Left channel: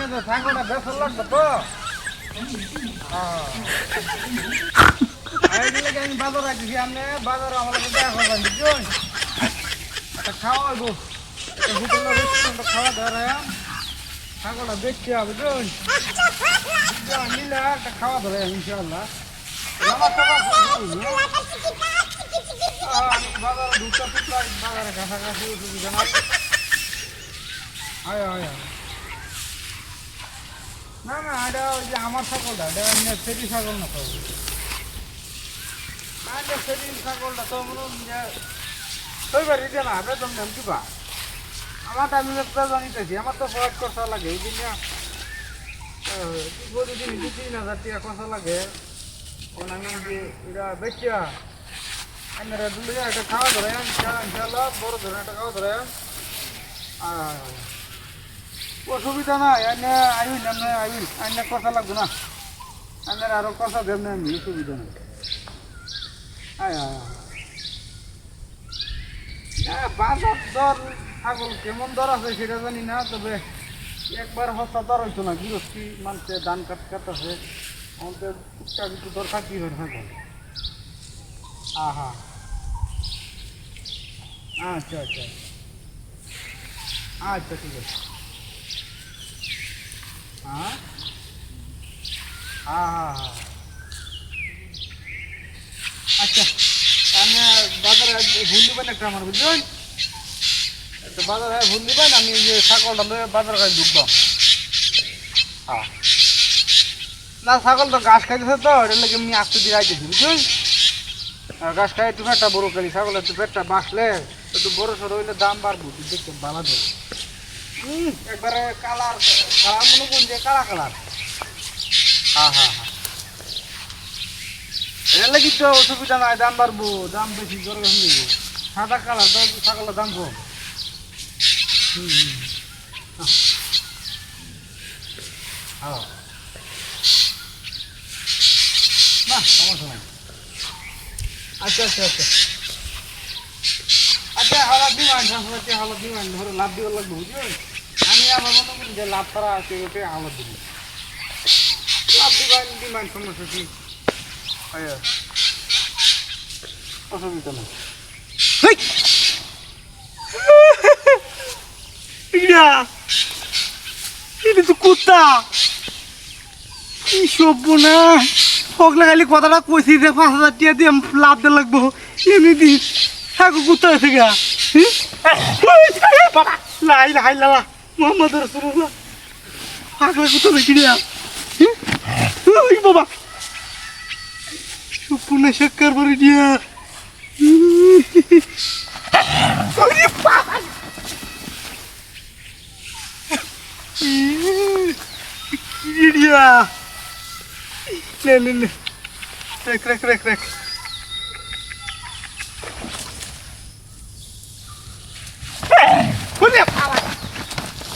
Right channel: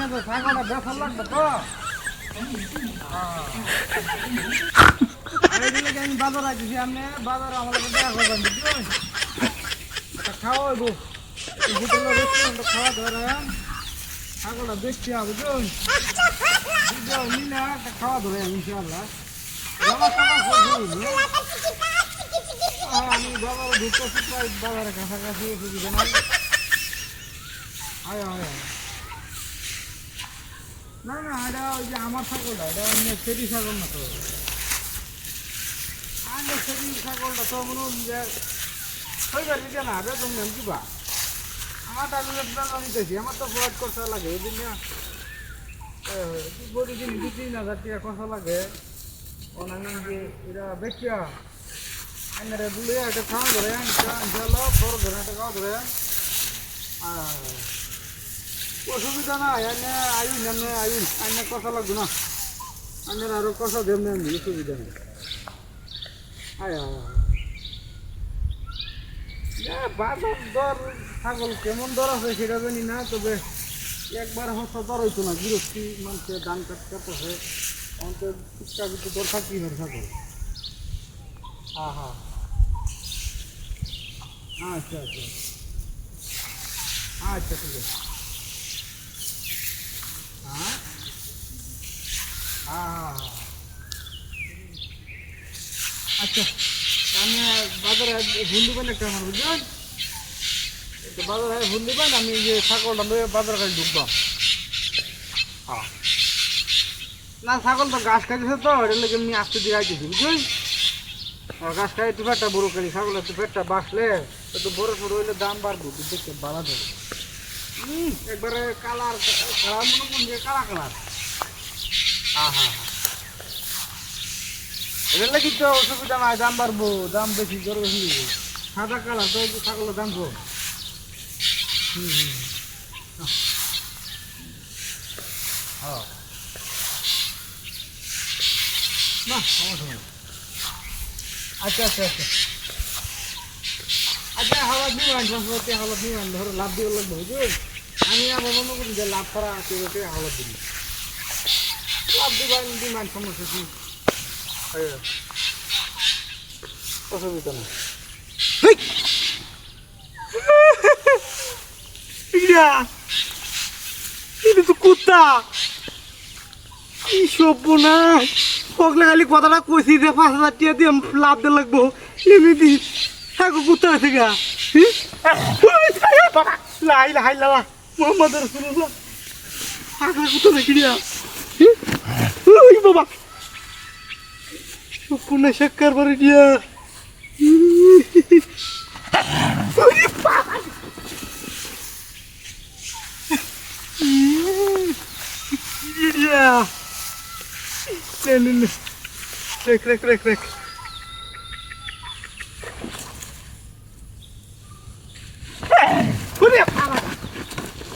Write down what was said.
আপনি তো ছাগলটা বেসর লাগবে তো আমি বাজার রাখছি আপনি বাজারে আমাদের দেখা করবেন বুঝছেন একটা খাওয়া হইব হোটেলের রেস্টুরেন্টে খাওয়া ধরে ছাগলটা বেচছি বুঝছেন নিলে একটা খাওয়া ধরে ইনশাআল্লাহ আমি বাজারে ঢুকতে বাজারে কাছাকাছি অসুবিধা নাই আয় আয় না না এটা ওই যে আমার ছাগলটা এটা সেটি ছাগল না তো সেটি ছাগলটা তো মনে যে শৈবার এটা না এটা তুমি কিবা আমারটা আমি জানিতেছি আমার তো ফরজ খরচা লাগে এই দিন প্রতিদিন 2-3 হাজার টাকা খরচা লাগে অন্যান্য যে এটা বেচিয়া আপনারা দুলে একটা খাওয়া ধরে ইনশাআল্লাহ বড় ধরে একটা খাওয়া ধরে অসুবিধা নাই এনে আইন এমনি আইন এনে কথা লাগবে না এনের আরো কথা দেব না অসুবিধা নেই আয় বাজার দর ছাগল কেমন দর আছে সেটা জানি না তবে একবার হস্তা দর হইতো না গৃহস্থী মানুষের ধান কাটতেছে আমাদের টুকটাক কিছু দর থাকতেই হয় ছাগল হ্যাঁ আচ্ছা আচ্ছা আচ্ছা ঠিক আছে হ্যাঁ আচ্ছা আমি বাজারে ভুল দিবেন একটা আমার বুঝলেন একটা বাজারে ভুল দিবেন আমি যে ছাগলটা লয়ে বাজার কাছে ঢুকবাম হ্যাঁ না ছাগল তো ঘাস খাইতেছে তো এটা লেগে আমি আসতে দিয়ে আইতেছি বুঝলেন আর ঘাস খাই একটু পেটটা বড় করি ছাগল একটু পেটটা বাসলে একটু বড় সড়ো হইলে দাম বাড়বো দেখতে ভালো দেবে একবারে কালার কালার মনে কোন যে কালা কালার হ্যাঁ এর লাগি তো অসুবিধা নাই দাম বাড়বো দাম বেশি করে সাদা কালার তো ছাগলের দাম কম হ্যালো না সমস্যা নাই আচ্ছা হাওলা বিমান ট্রান্সফারতে হাওলা বিমান ধরো লাভ দিয়ে লাগবে বুঝলি আমি আবার মনে করি যে লাভ করা আছে ওটাই হাওলা দিবি লাভ বিমান সমস্যা কি অসুবিধা নেই এটা তো কুত্তা কি সভ্য না পগলা খালি কথাটা কইছি যে 5,000 টাকা দিয়ে লাভ দিয়ে লাগবো এমনি দিস হ্যাঁ কুত্তা আছে গা লাই লাই লালা মোহাম্মদ রাসূলুল্লাহ পাগলা কুত্তা নাকি রে ওই বাবা সপনা শেখার পরে দিয়া রেখ